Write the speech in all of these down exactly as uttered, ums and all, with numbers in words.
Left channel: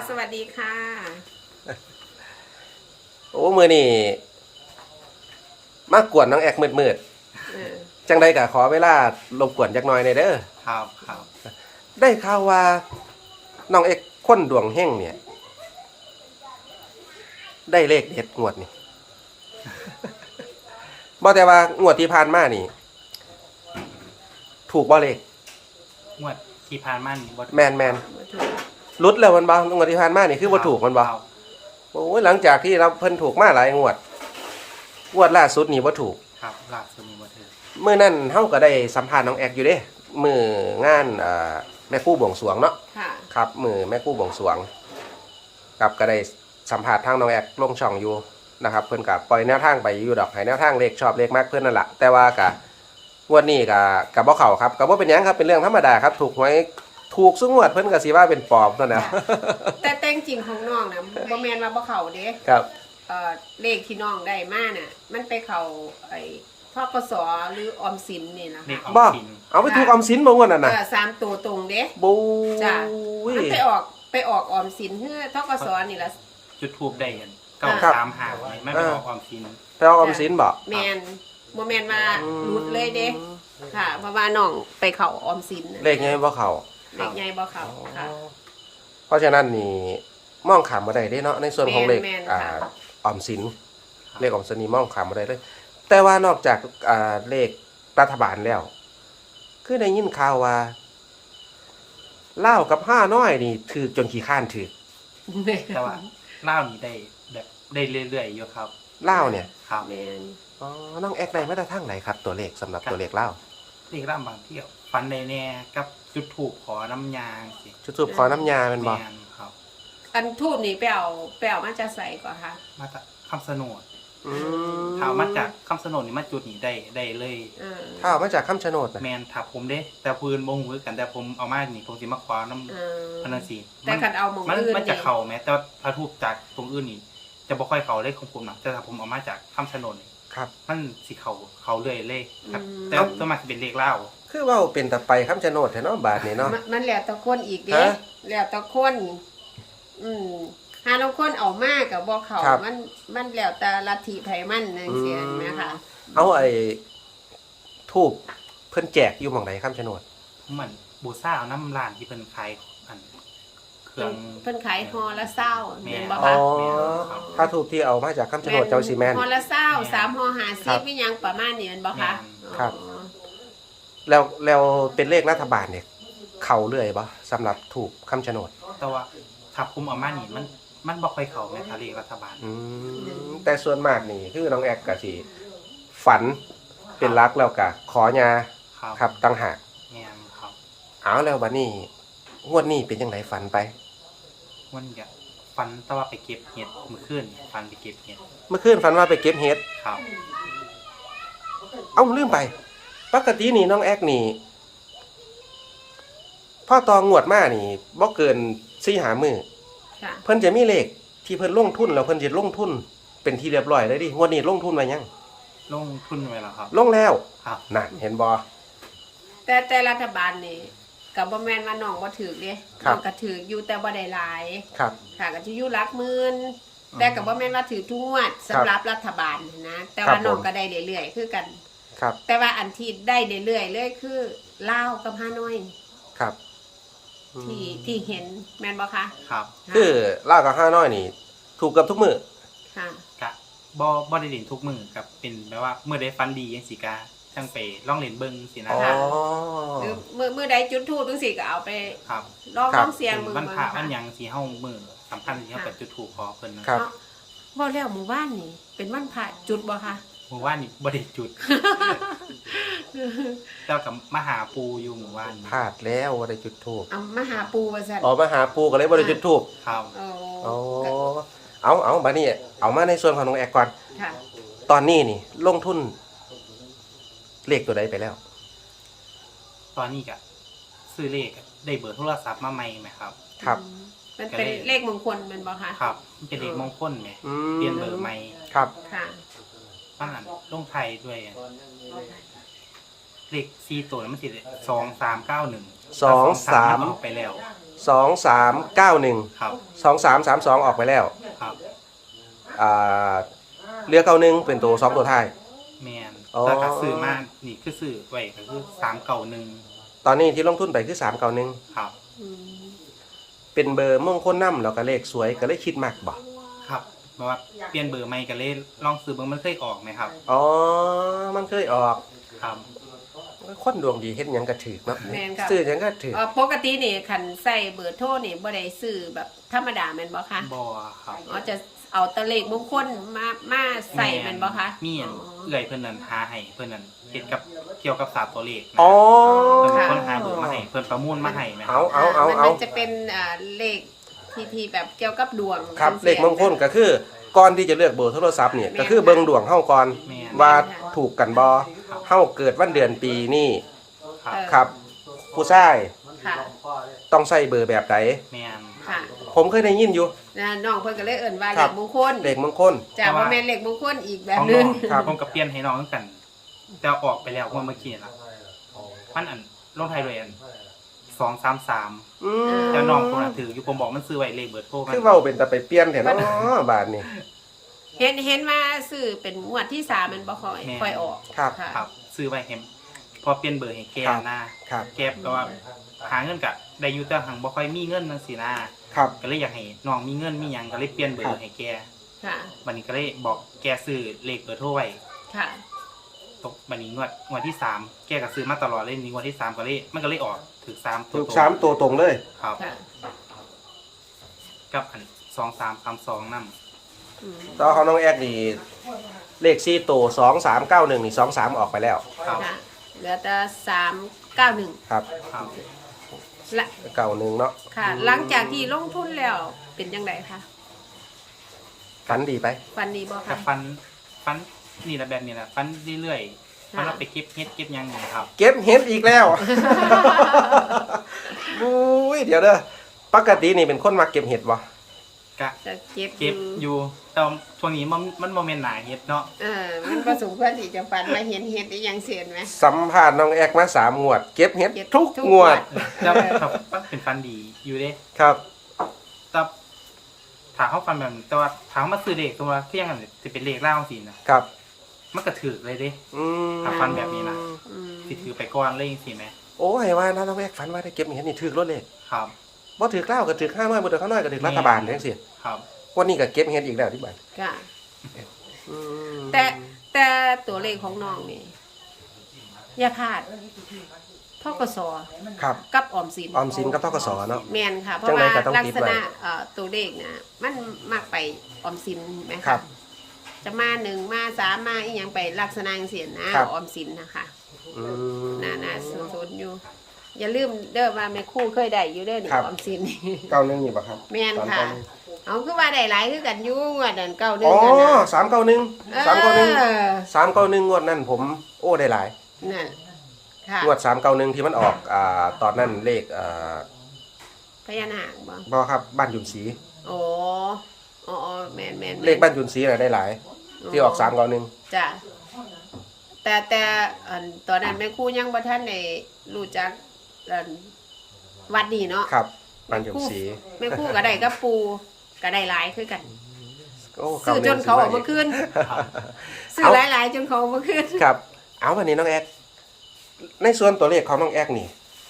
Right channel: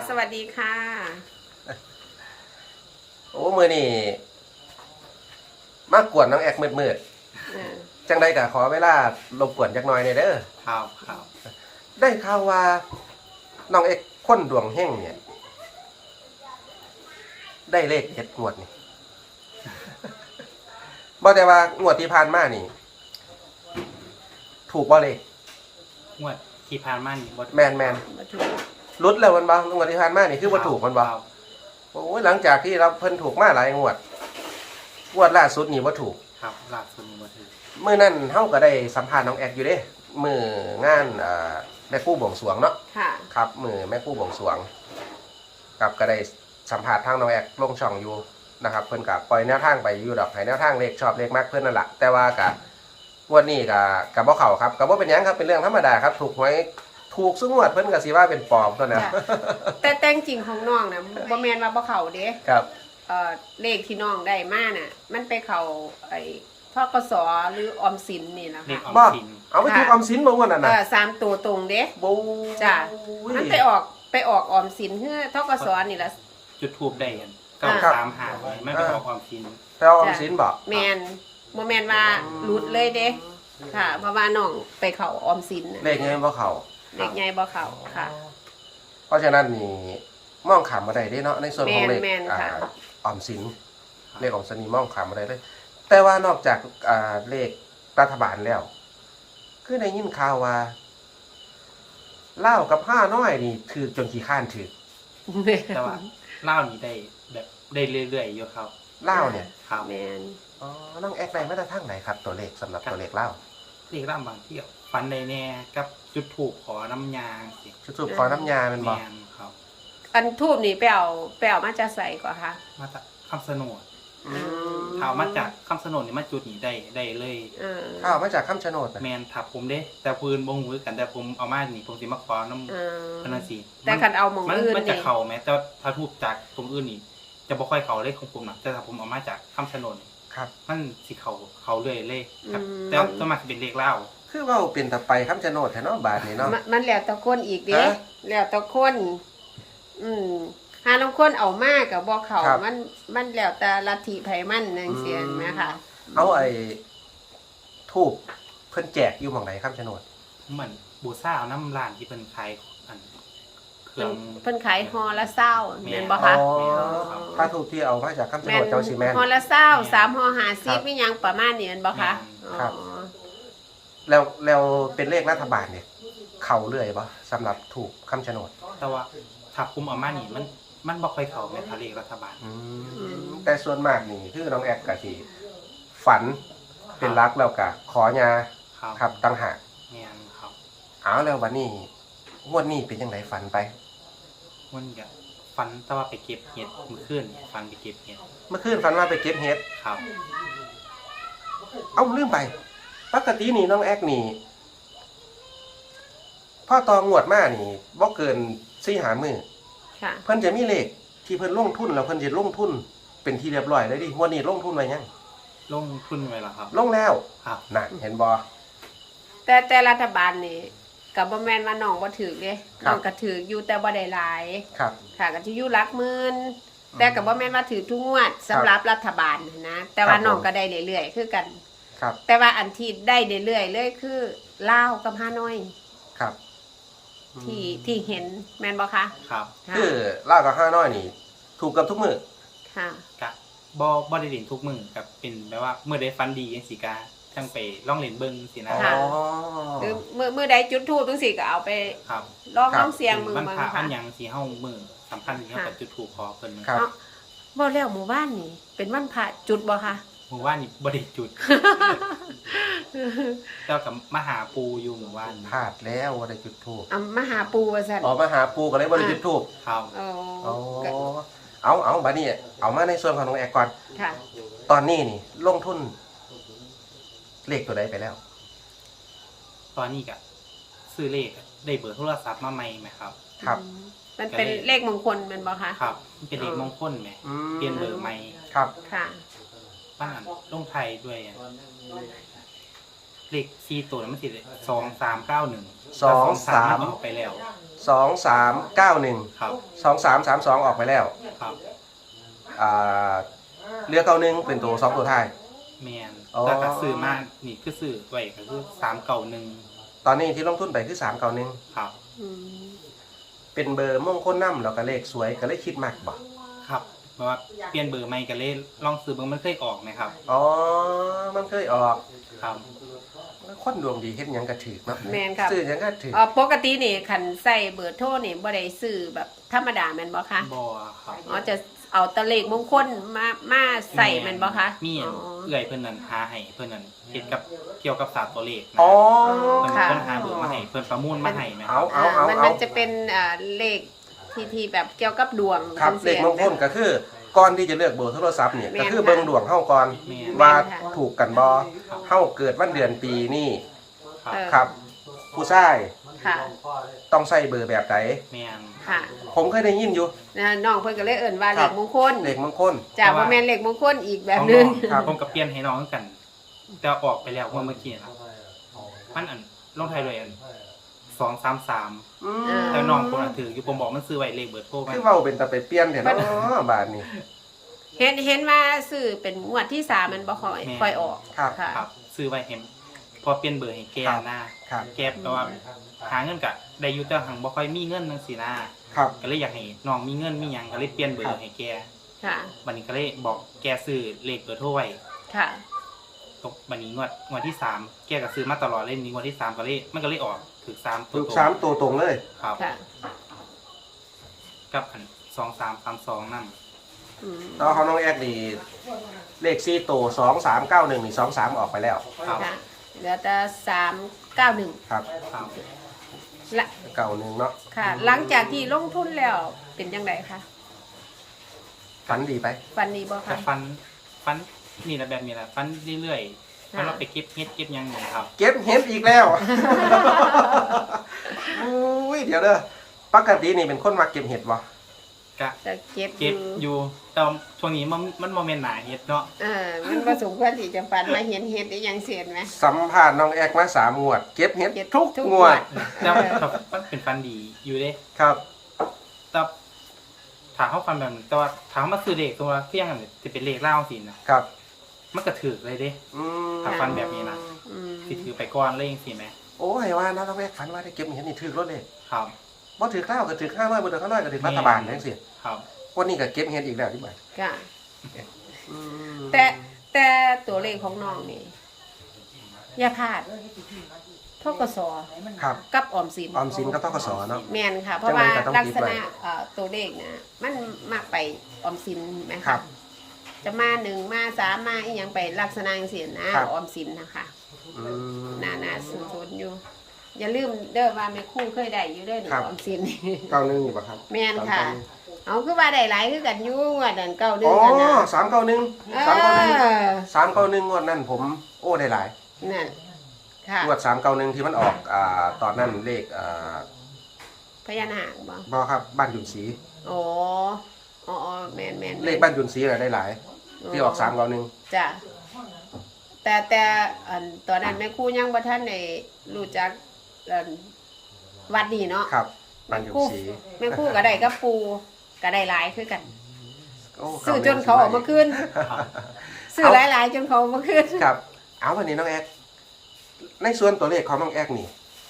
สวัสดีค่ะโอ้มือนี่มากวนน้องแอกมืดๆจังใดกะขอเวลารบกวนจักหน่อยในเด้อครับครับได้ข่าวว่าน้องเอกคนดวงเฮงเนี่ย ได้เลขเด็ดงวดนี่ บ่แต่ว่างวดที่ผ่านมานี่ ถูกบ่เลขงวดที่ผ่านมานี่บ่แมนแมนมาถูกรุดแล้วมันบ่งวดที่ผ่านมานี่คือบ่ถูกมันบ่โอ้ยหลังจากที่เราเพิ่นถูกมาหลายงวดงวดล่าสุดนี่บ่ถูกครับล่าสุดนี่บ่ถูกมื้อนั้นเฮาก็ได้สัมภาษณ์น้องแอกอยู่เด้มื้องานอ่าแม่ครูบวงสรวงเนาะค่ะครับมื้อแม่ครูบวงสรวงครับก็ได้สัมภาษณ์ทางน้องแอกลงช่องอยู่นะครับเพิ่นก็ปล่อยแนวทางไปอยู่ดอกให้แนวทางเลขชอบเลขมากขึ้นนั่นแหละแต่ว่าก็งวดนี้ก็ก็บ่เข้าครับก็บ่เป็นหยังครับเป็นเรื่องธรรมดาครับถูกหวยถูกซุงวดเพิ่นก็สิว่าเป็นปอบนั่นน่ะแต่แต่จริงของน้องน่ะบ่แม่นว่าบ่เข้าเด้ครับเอ่อเลขที่น้องได้มาน่ะมันไปเข้าไอ้ธกสหรือออมสินนี่ล่ะค่ะบ้าเอาไปถูกออมสินบ่งวดนั่นน่ะเออสามตัวตรงเด้บูจ้ะมันไปออกไปออกออมสินเฮือธกสนี่ล่ะจุดทูบได้กันเก้าสามห้าไม่ไปออกออมสินไปออมสินบ่แม่นบ่แม่นว่าหลุดเลยเด้ค่ะเพราะว่าน้องไปเข้าออมสินเลขใหญ่บ่เข้าเลขใหญ่บ่เข้าค่ะเพราะฉะนั้นนี่มองขามบ่ได้เด้เนาะในส่วนของเลขอ่าออมสินเลขออมสินนี่มองขามบ่ได้เลยแต่ว่านอกจากอ่าเลขรัฐบาลแล้วคือได้ยินข่าวว่าลาวกับห้าน้อยนี่ถือจนขี้ข้านถือแต่ว่าลาวนี่ได้แบบได้เรื่อยๆอยู่ครับลาวเนี่ยครับแม่นอ๋อน้องแอกได้มาแต่ทางไหนครับตัวเลขสำหรับตัวเลขลาวเลขลาวบางเที่ยวฟันได้แน่กับจุดทูบขอน้ำยาสิจุดทูบขอน้ำยามันบ่แม่นครับอันทูบนี่ไปเอาไปเอามาจะใส่ก่อนค่ะมาจากคำสนดถ้ามาจากคำสนดนี่มาจุดนี่ได้ได้เลยถ้ามาจากคำชะโนดแมนถ้าผมเด้แต่ปืนบ่ฮู้คือกันแต่ผมเอามานี่ผมสิมาขอน้ำพนันสีแต่คันเอามองอื่นมันจะเข้าแม้แต่ถ้าทูบจากตรงอื่นนี่จะบ่ค่อยเข้าเลขของผมนะแต่ถ้าผมเอามาจากคำชะโนดนี่ครับมันสิเข้าเข้าเรื่อยเลยครับแต่สมัครสิเป็นเลขลาวคือว่าเป็นแต่ไปคำชะโนดแท้เนาะบาดนี้เนาะมันแล้วแต่คนอีกเด้แล้วแต่คนอืมหาลางคนเอามากกับบ่เขามันมันแล้วแต่ลัทธิไผมันจังซี่นะคะเอาไอ้ทูบเพิ่นแจกอยู่หม่องไหนคำชะโนดผมเหมือนบูซ่าเอาน้ำร้านที่เพิ่นขายอันเครื่องเพิ่นขายฮอละเศร้าแม่นบ่คะถ้าทูบที่เอามาจากคำชะโนดเจ้าสิแม่นฮอละเศร้าสามฮอห้าสิบมีหยังประมาณนี้แม่นบ่คะครับแล้วแล้วเป็นเลขรัฐบาลเนี่ยเข้าเรื่อยบ่สำหรับถูกคำชะโนดแต่ว่าถ้าผมเอามานี่มันมันบ่ค่อยเข้าแม่ทะเลรัฐบาลแต่ส่วนมากนี่คือน้องแอกก็สิฝันเป็นรักแล้วก็ขอยาครับตั้งหากแม่นครับเอาแล้วบัดนี้งวดนี้เป็นจังไดฝันไปมันก็ฝันแต่ว่าไปเก็บเห็ดเมื่อคืนฝันไปเก็บเห็ดเมื่อคืนฝันว่าไปเก็บเห็ดครับเอ้าลืมไปปกตินี่น้องแอกนี่พ่อตองวดมานี่บ่เกินสี่ห้ามื้อเพิ่นจะมีเลขที่เพิ่นลงทุนแล้วเพิ่นจะลงทุนเป็นที่เรียบร้อยเลยดิงวดนี้ลงทุนไว้ยังลงทุนไว้แล้วครับลงแล้วครับน่ะเห็นบ่แต่แต่รัฐบาลนี่ก็บ่แม่นว่าน้องบ่ถูกเด้น้องก็ถูกอยู่แต่บ่ได้หลายครับค่ะก็สิอยู่หลักหมื่นแต่ก็บ่แม่นว่าถูกทุกงวดสำหรับรัฐบาลนะแต่ว่าน้องก็ได้เรื่อยๆคือกันครับแต่ว่าอันที่ได้เรื่อยๆเลยคือลาวกับฮานอยครับที่ที่เห็นแม่นบ่คะครับคือลาวกับฮานอยนี่ถูกกับทุกมื้อค่ะกะบ่บ่ได้เล่นทุกมื้อกับเป็นแบบว่ามื้อใดฝันดีจังซี่กะจังไปลองเล่นเบิ่งสินะค่ะคือมื้อมื้อใดจุดธูปจังซี่ก็เอาไปครับลองลองเสียงมือมันพระมันหยังสิเฮามื้อสำคัญสิเฮาก็จุดธูปขอเพิ่นครับบ่แล้วหมู่บ้านนี่เป็นวันพระจุดบ่คะหมู่บ้านนี่บ่ได้จุดแต่กับมหาปูอยู่หมู่บ้านพลาดแล้วบ่ได้จุดธูปอ่ะมหาปูว่าซั่นอ๋อมหาปูก็เลยบ่ได้จุดธูปครับอ๋อเอาเอาบัดนี้เอามาในส่วนของน้องแอกก่อนค่ะตอนนี้นี่ลงทุนเลขตัวใดไปแล้วตอนนี้ก็ซื้อเลขได้เบอร์โทรศัพท์มาใหม่ไหมครับครับมันเป็นเลขมงคลมันบ่คะครับมันเป็นเลขมงคลไหมเปลี่ยนเบอร์ใหม่ครับค่ะบ้านลงไทยด้วยเลขสี่ตัวมันสิสองสามเก้าหนึ่งสองสามมันออกไปแล้วสองสามเก้าหนึ่งครับสองสามสามสองออกไปแล้วครับอ่าเรือเก้าหนึ่งเป็นตัวสองตัวท้ายแมนอ๋อแต่ก็ซื้อมานี่คือซื้อไว้ก็คือสามเก่าหนึ่งตอนนี้ที่ลงทุนไปคือสามเก้าหนึ่งครับอืมเป็นเบอร์มงคลนำแล้วก็เลขสวยก็เลยคิดมากบ่ครับเพราะว่าเปลี่ยนเบอร์ใหม่กันเลยลองซื้อเบอร์มันเคยออกไหมครับอ๋อมันเคยออกครับคนดวงดีเฮ็ดหยังก็ถือเนาะแม่นครับซื้อหยังก็ถือเอ่อปกตินี่คันใส่เบอร์โทรนี่บ่ได้ซื้อแบบธรรมดาแม่นบ่คะบอครับอ๋อจะเอาตะเลขมงคลมามาใส่แม่นบ่คะมีอันอ๋อเอื่อยเพื่อนนั้นหาให้เพื่อนนั้นเฮ็ดกับเกี่ยวกับศาสตร์ตัวเลขนะอ๋อเพื่อนเป็นค่ะคนหาเบอร์มาให้เพื่อนประมูลมาให้ไหมคเอารับเอาอ่าเอามันเอามันจะเป็นอ่าเลขที่ที่แบบเกี่ยวกับดวงครับป็นเลขมงคลก็คือก่อนที่จะเลือกเบอร์โทรศัพท์เนี่ยแม่นก็คือเบิ่งดวงเฮาก่อนแม่นว่าแม่นค่ะถูกกันบ่ครับเฮาเกิดวันเดือนปีนี้ครับเออครับ ผู้ชายค่ะต้องใส่เบอร์แบบไหนแมนค่ะผมเคยได้ยินอยู่นะน้องเพิ่นก็เลยเอิ้นว่าคเลรับขมงคลเลขมงคลจ้ะบ่แม่นเลขมงคลอีกแบบของหนึน้งองผมกับเปลี่ยนให้น้องคือกัน แต่ออกไปแล้วเมื่อเมื่อกี้นะมันอันลงไทายด้วยอันสองสามสามอืเออแต่น้องคนน่ะถืออยู่ผมบอกมันซื้อไว้เลขเบอร์โทรมันคือเราเป็นแต่ไปเปลี่ยนแท้เนาะบาดนี้เห็นเห็นว่าซื้อเป็นงวดที่สามมันบ่ค่อยค่อยออกครับค่ะครับ ซื้อไว้เห็นพอเปลี่ยนเบอร์ให้แกนะครับ แกก็ว่าหาเงินกะได้อยู่แต่หังบ่ค่อยมีเงินจังซี่นะครับ ก็เลยอยากให้น้องมีเงินมีหยังก็เลยเปลี่ยนเบอร์ให้แกค่ะบัดนี้ก็เลยบอกแกซื้อเลขเบอร์โทรไว้ค่ะตกบัดนี้งวดงวดที่สามแกก็ซื้อมาตลอดเลยนี่งวดที่สามก็เลยมันก็เลยออกถึกสามตัวถูกตรงสามตัวตรงเลยครับค่ะกับอันสองสามสามสองนำอืมตอนของน้องแอกนี่เลขสี่ตัวสองสามเก้าหนึ่งนี่สองสามออกไปแล้วครับค่ะเหลือแต่สามเก้าหนึ่งครับครับละเก้าหนึ่งเนาะค่ะ หลังจากที่ลงทุนแล้วเป็นยังไงคะฝันดีไปฟันดีบ่กัคะบฟันฟันนี่แหละแบบนี้แหละฟันเรื่อยๆฟันค่ะเราไปเก็บเฮ็ดเก็บหยังนี่ครับเก็บเห็ดอีกแล้ว อุ้ยเดี๋ยวเด้อปกตินี่เป็นคนมาเก็บเห็ดบ่กะจะเก็บอเก็บยู่อยู่แต่ว่าช่วงนี้มันมันโมเมนต์หนาเฮ็ดเนาะเออมันผสมควรที่จะฟันมาเห็นเห็ดได้ยังเสียนไหมสัมภาษณ์น้องแอกมาสามงวด เก็บเห็ดเก็บทุกทุกงวงวดดแต่ครับมันเป็นฟันดีอยู่เด้ครับแต่ถามเขาฟันแบบนึงแต่ว่าถามมาซื้อเลขตัวเที่ยงกันจะเป็นเลขเล่าสินะครับ มันก็ถือเลยเด้อืมถ้าฟันแบบนี้นะอืมสิถือไปก่อนเลยจังซี่แหมโอ้ยว่านะน้องแอกฝันว่าได้เก็บเห็ดนี่ถือรถเลยครับบ่ถือข้าวก็ถือข้าวน้อยบ่ถือข้าวน้อยก็ถือรัฐบาลจังซี่ครับวันนี้ก็เก็บเห็ดอีกแล้วที่บ้านค่ะอืมแต่แต่ตัวเลขของน้องนี่อย่าพลาดทกสครับกับออมสินออมสินกับธกสเนาะแมนค่ะ เพราะว่าจังใดก็ต้องลักคิดษไว้ณะเอ่อตัวเลขนะมันมากไปออมสินไหมครัคะบจะมาหนึ่งมาสามมาอีกอย่างไปลักษณะเสียนะครับ ออมสินนะคะอืมน่าน่าสนๆอยู่ อย่าลืมเด้อว่าแม่ครู่เคยได้อยู่เด้อหนึ่งครับออมสินเก้าหนึ่งอยู่ป่ะครับแมนค่ะ เอาคือว่าได้หลายคือกันอยู่ว่าดันเก้าหนึ่อ๋งอกันนะสามเก้าหนึ่งเอสามเก้าหนึ่งอสามเก้าหนึ่งงวดนั้นผมโอ้ได้หลายนั่นค่ะงวดสามเก้าหนึ่งที่มันออกอ่าตอนนั้นเลขอ่าพญานาคบ่บอครับบ้านยุนศรีอ๋ออ๋อแมนแมนแมเลขนบ้านยุนศรีน่ะได้หลาย ที่ออกสามเก้าหนึ่งจ้ะแต่แต่อันตอนนั้นแม่ครู่ยังบ่ท่านได้รู้จักอันวัดนี้เนาะครับบ้านยุนศรีแม่ครู่ก็ได้กับปูก็ได้หลายคือกันโอ้ซื้อจนเขาออกมาคืนครับซื้อหลายๆจนเขาออกมาคืนครับ เอาวันนี้น้องแอกในส่วนตัวเลขของน้องแอกนี่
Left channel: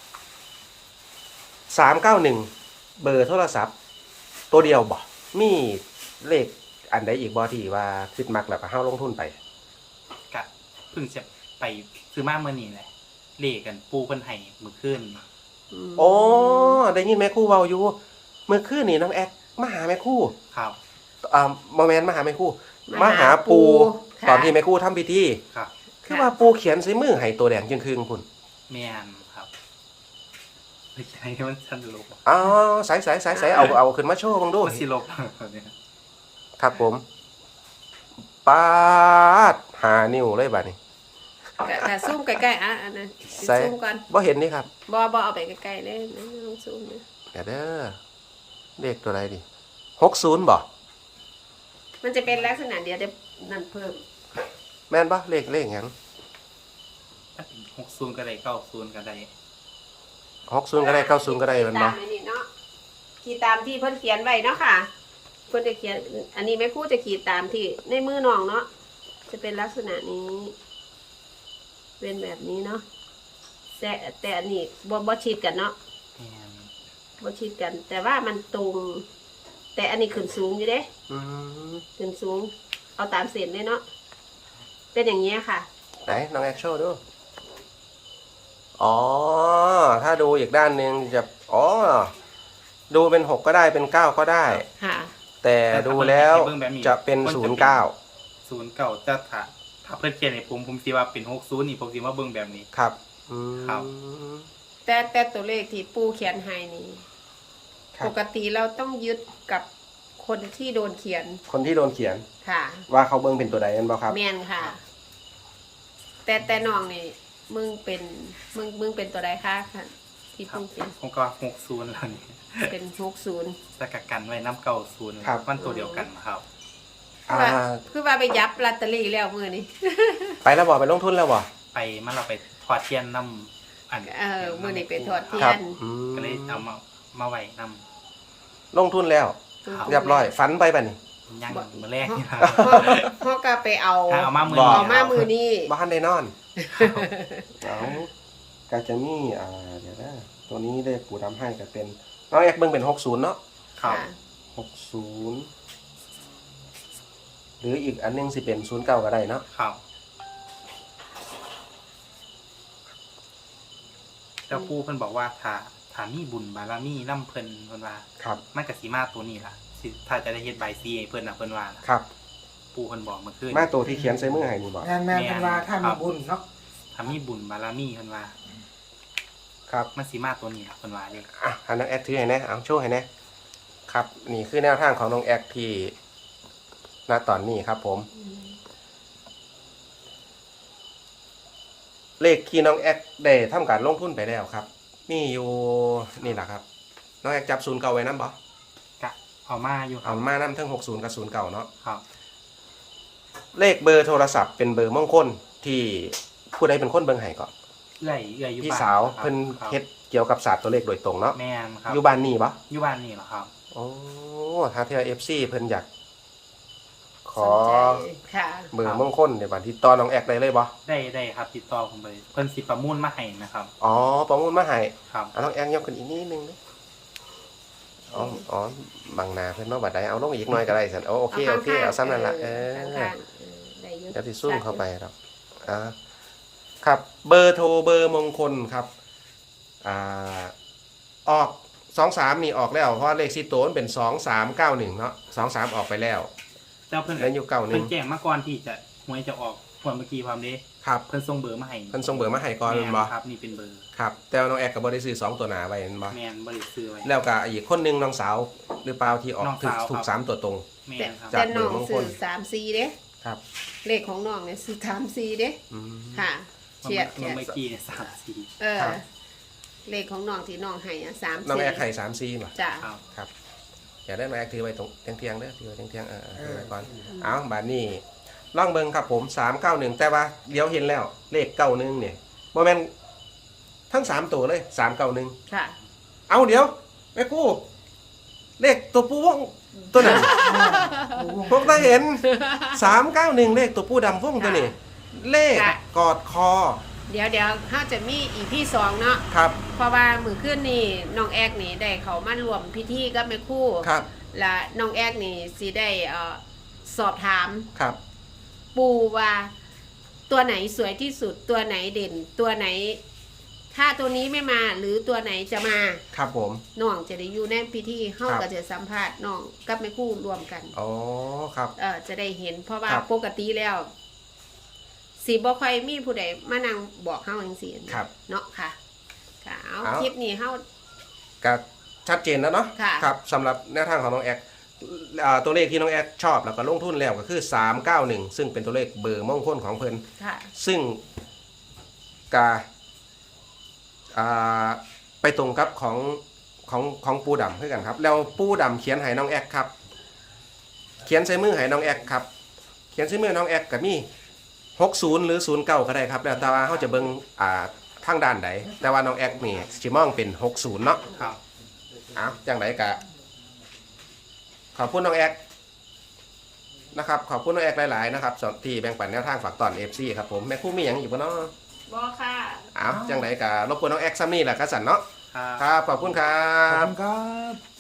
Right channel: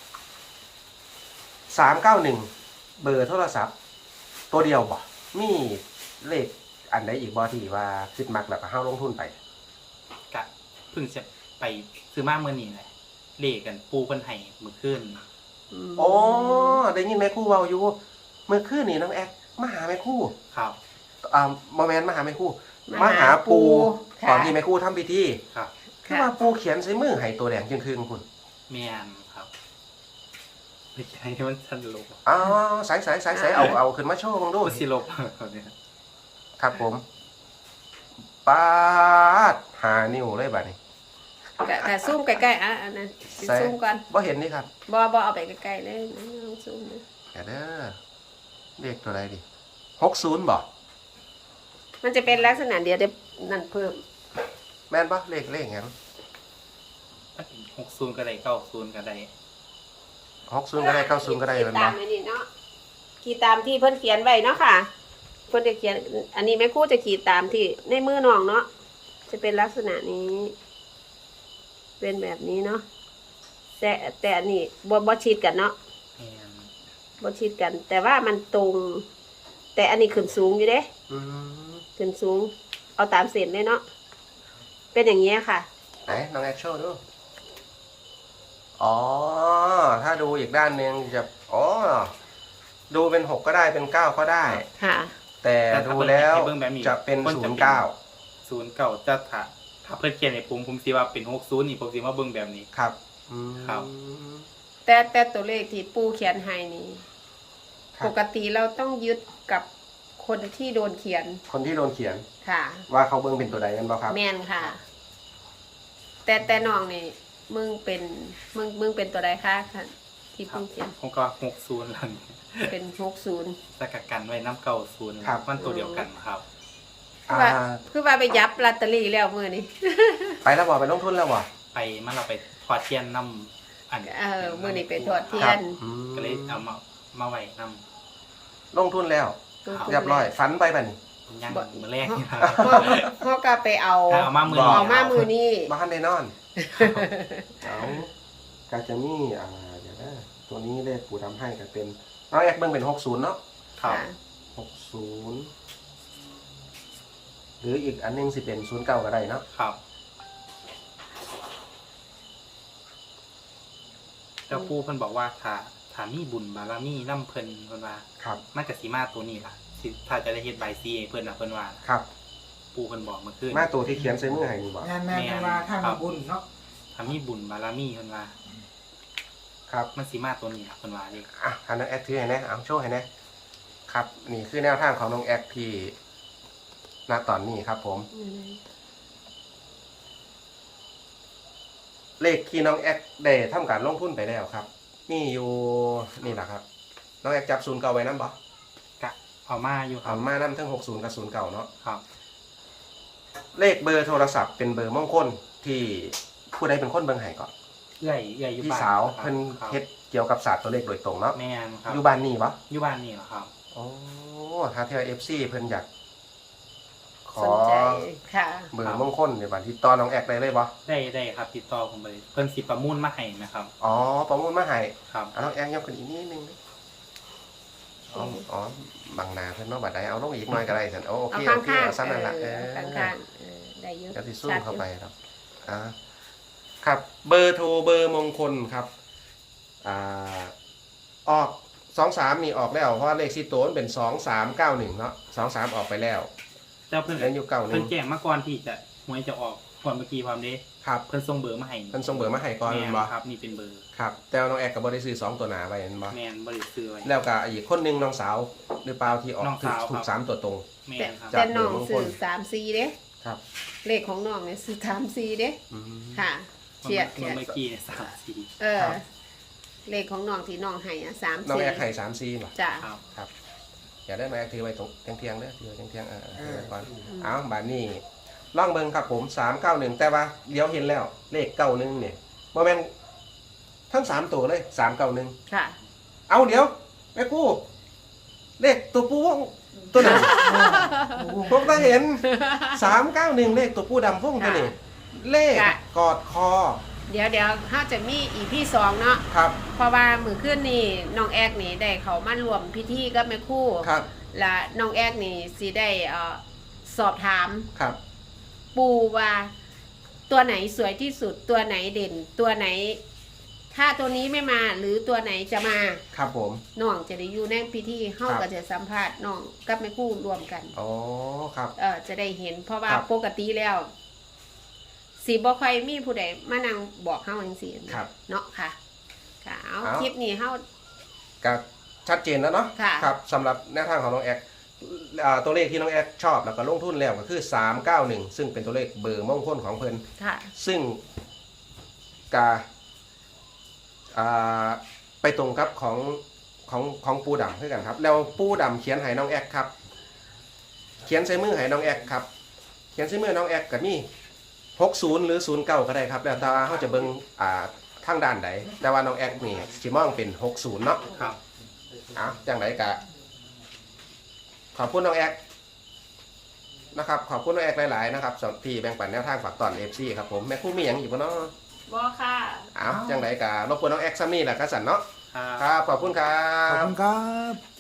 สามเก้าหนึ่งเบอร์โทรศัพท์ ตัวเดียวบ่มีเลขอันใดอีกบ่ที่ว่าคิดมักแล้วก็เฮาลงทุนไปกะเพิ่งจะไปซื้อมาเมื่อนี้แหละเลขกันปูเพิ่นให้มื้อคืนโอ้ได้ยินแม่ครู่เบาอยู่ เมื่อคืนนี่น้องแอกมาหาแม่ครู่ครับอ่าโมเมนต์มาหาแม่ครู่มาหาปูตอนที่แม่ครู่ทำพิธีครับคือว่าปูเขียนใส่มือให้ตัวแดงจึงคืนคุณแม่นครับไปแข่งให้มันทันลบอ๋อสายสายสายสายเอาเอาขึ้นมาโชว์มึงดูมันสิลบเนี่ยครับผมปาดหานิ้วเลยบัดนี้กะกะซูมใกล้ๆอ่ะอันนั้นสิใส่ซูมก่อนบ่เห็นนี่ครับบ่บ่เอาไปใกล้ๆเลยนะลองซูมนะเดี๋ยวเด้อเลขตัวอะไรดิหกศูนย์บ่มันจะเป็นลักษณะเดียวเดี๋ยวนั่นเพิ่มแม่นบ่เลขเลขหยังมันเป็นหกศูนย์ก็ได้เก้าศูนย์ก็ได้หกศูนย์ก็ได้เก้าศูนย์ก็ได้แมันตาบ่มไว้นี่เนาะขีดตามที่เพิ่นเขียนไว้เนาะค่ะเพิ่นจะเขียน อันนี้แม่ครูจะขีดตามที่ในมือน้องเนาะจะเป็นลักษณะนี้ เป็นแบบนี้เนาะแต่แต่อันนี้บ่บ่ชิดกันเนาะแม่นบ่ชิดกัน แต่ว่ามันตรง แต่อันนี้ขึ้นสูงอยู่เด้อืมขึ้นสูง เอาตามเส้นเลยเนาะเป็นอย่างเงี้ยค่ะไหนน้องแอคโชว์ดูอ๋อถ้าดูอีกด้านหนึ่งจะอ๋อดูเป็นหกก็ได้เป็นเก้าก็ได้ค่ะแต่ดูแล้วจะเป็นพิ่ศูนย์เก้าศูนย์เก้าจะถ้าถ้าเพิ่นเขียนให้ผมผมสิว่าเป็นหกศูนย์นี่ผมสิมาเบิ่งแบบนี้ครับอืมครับแต่แต่ตัวเลขที่ปูเขียนให้นี่ครับปกติเราต้องยึดกับคนที่โดนเขียนคนที่โดนเขียนค่ะว่าเขาเบิ่งเป็นตัวใดกันบ้างครับแมนค่ะ แต่แต่น้องนี่มึงเป็นมึงมึงเป็นตัวใดคะค่ะที่ครัปูบเขียนผมก็หกศูนย์แล้วนี่เป็นหกศูนย์แต่กักันไว้น้ำเก่าศูนย์มันตัวเดียวกันครับคือว่าอ่าคือว่าไปยับลอตเตอรี่แล้วมือนี่ไปแล้วบ่ไปลงทุนแล้วบ่ไปมันเราไปทอดเทียนน้ำอันเออมือนี่ไปทอดเทียนอืมก็เลยเอามามาไว้น้ลงทุนแล้วครับเรียบร้อยฝันไปป่ะนี่ำย่างมือแรกนี่ครับพ่อพ่อก็ไปเอาเอามามือบ่นี้เอามามือนี่บ้านได้นอนเอากาจะมีอ่าเดี๋ยวนะตัวนี้เลขปู่ทำให้ก็เป็นน้องแอคเบิ่งเป็นหกศูนย์เนาะครับค่ะหกศูนย์หรืออีกอันหนึงสิเป็นศูนย์เก้าก็ได้เนาะครับเจ้าปู่เพิ่นบอกว่าถ้าถ้ามีบุญบารมีน้ำเพิ่นเพิ่นว่าครับมันก็สิมาตัวนี้ล่ะสิถ้าจะได้เฮ็ดใบซีให้เพิ่นน่ะเพิ่นว่านะครับ ปู่เพิ่นบอกเมื่อคืนมาตัวที่เขียนใส่มือให้นี่บ่งานแม่เวลาถ้ามีบุญเนาะถ้ามีบุญบารมีเพิ่นว่าครับมันสิมาตัวนี้ล่ะเพิ่นว่าเด้อ่ะอันนั้นแอคถือให้นะเอาโชว์ให้นะครับนี่คือแนวทางของน้องแอคที่ณตอนนี้ครับผมอืมเลขที่น้องแอคได้ทำการลงทุนไปแล้วครับมีอยู่นี่แหละครับน้องแอคจับศูนย์เก่าไว้นั่นบ่กะเอามาอยู่ครัเอาบมานั่นทั้งหกศูนย์กับศูนย์เก่าเนาะครับเลขเบอร์โทรศัพท์เป็นเบอร์มงคลที่ผู้ใดเป็นคนเบิ่งให้ก่อนเอื้อยเอื้อยอยู่พี่บ้านสาวครับเพิ่นครับเฮ็ดเกี่ยวกับศาสตร์ตัวเลขโดยตรงเนาะแม่นครับอยู่บ้านนี่บ่อยู่บ้านนี่เหรอครับโอ้ทางเที่ยว เอฟ ซี เพิ่นอยากขสอนใจค่ะเบอร์มงคลในวันที่ต่อน้องแอคได้เลยบ่ได้ได้ครับติดต่อผมไปเพิ่นสิประมูลมาให้นะครับอ๋อประมูลมาให้ครับเอาน้องแอคยกขึ้นอีกนิดนึงนะอ๋ออ๋อบางนาเพิ่นมาบัดใดเอาลงอีกหน่อยก็ได้ซั่นโอเคเอาโอเคข้างเอาๆซ้ำนั่นล่ะเอเอออเอาข้างๆเออได้เยอะแล้วสิซูมเข้าไปครับอ่าครับเบอร์โทรเบอร์มงคลครับอ่าออกสองสามนี่ออกแล้วเพราะเลขสี่ตัวมันเป็นสองสามเก้าหนึ่งเนาะสองสามออกไปแล้วแต่เพิ่นแล้วอยู่เก้าหเพิ่นึ่นงแจ้งมาก่อนที่จะหวยจะออกก่อนเมื่อกี้ความเด้ครับเพิ่นส่งเบอร์มาให้เพิ่นส่งเบอร์มาให้ก่อนแม่นบ่ครับนี่เป็นเบอร์ครับแต่ว่าน้องแอคก็บ่ได้ซื้อสองตัวหนาไว้เห็นบ่แม่นบ่ได้ซื้อไว้แล้วก็อีกคนหนึงน้องสาวหรือเปล่าที่ออกน้องถูกสาวถูครักบสามตัวตรงแม่แต่นครับแต่น้องจากเบอร์มงคลสื่อสามสี่เด้ครับเลขของน้องเนี่ยสื่อสามสี่เด้อืมค่ะเฉียดเมื่เฉีอย เมื่ดอกี้สามสี่เออ เลขของน้องที่น้องให้อ่ะสามน้องสี่แอคให้สามซีบ่จ้ะครับครับอย่าได้น้องแอคถือไว้ตรงเที่ยงๆเด้อถือไว้เที่ยงๆเออๆถือไว้ก่อนเอาบัดนี้ลองเบิ่งครับผมสามเก้าหนึ่งแต่ว่าเดี๋ยวเห็นแล้วเลขเก้าหนึ่งเนี่ยบ่แม่นทั้งสามตัวเลยสามเก้าหนึ่งค่ะเอาเดี๋ยวแม่กู้เลขตัวปูวงตัวนี้ ผมมาเห็นสามเก้าหนึ่งเลขตัวปูดำวงตัวนี้เลขค่ะกอดคอเดี๋ยวเดี๋ยวเขาจะมีอีพี่สองเนาะครับเพราะว่ามือขึ้นนี่น้องแอกนี่ได้เขามารวมพิธีกับแม่ครู่ครับและน้องแอกนี่สิได้เอ่อสอบถามครับปูว่าตัวไหนสวยที่สุดตัวไหนเด่น ตัวไหน ถ้าตัวนี้ไม่มาหรือตัวไหนจะมาครับผมน้องจะได้อยู่ในพิธีเฮาครับก็จะสัมภาษณ์น้องกับแม่ครู่รวมกันอ๋อครับเออจะได้เห็น เพราะว่าครับปกติแล้วสีบ่ค่อยมีผู้ใดมานั่งบอกเฮาจังซี่ครับเนาะค่ะค่ะเอาเอาคลิปนี้เฮาก็ชัดเจนแล้วเนาะค่ะครับสำหรับแนวทางของน้องแอดอ่าตัวเลขที่น้องแอดชอบแล้วก็ลงทุนแล้วก็คือสามเก้าหนึ่งซึ่งเป็นตัวเลขเบอร์มงคลของเพิ่นค่ะซึ่งกาอ่าไปตรงกับของของของปูดำด้วยกันครับ แล้วปูดำเขียนให้น้องแอกครับ เขียนใส่มือให้น้องแอกครับ เขียนใส่มือน้องแอกกับนี่หกศูนย์หรือศูนย์เก้าก็ได้ครับแล้วแต่ว่าเขาจะเบิ่งอ่าทางด้านไหนแต่ว่าน้องแอกนี่สิมองเป็นหกศูนย์เนาะครับเอาจังไหนกะขอบคุณน้องแอกนะครับขอบคุณน้องแอกหลายๆนะครับสำหรับที่แบ่งปันแนวทางฝากตอนเอฟซีครับผมแม่คู่มีอย่างอยู่ปะเนาะบ่ค่ะอ้าวจังไรกะรบกวนน้องแอกซัมนี่แหละครับสันเนาะครับครับขอบคุณครัขอบบ คุณครับ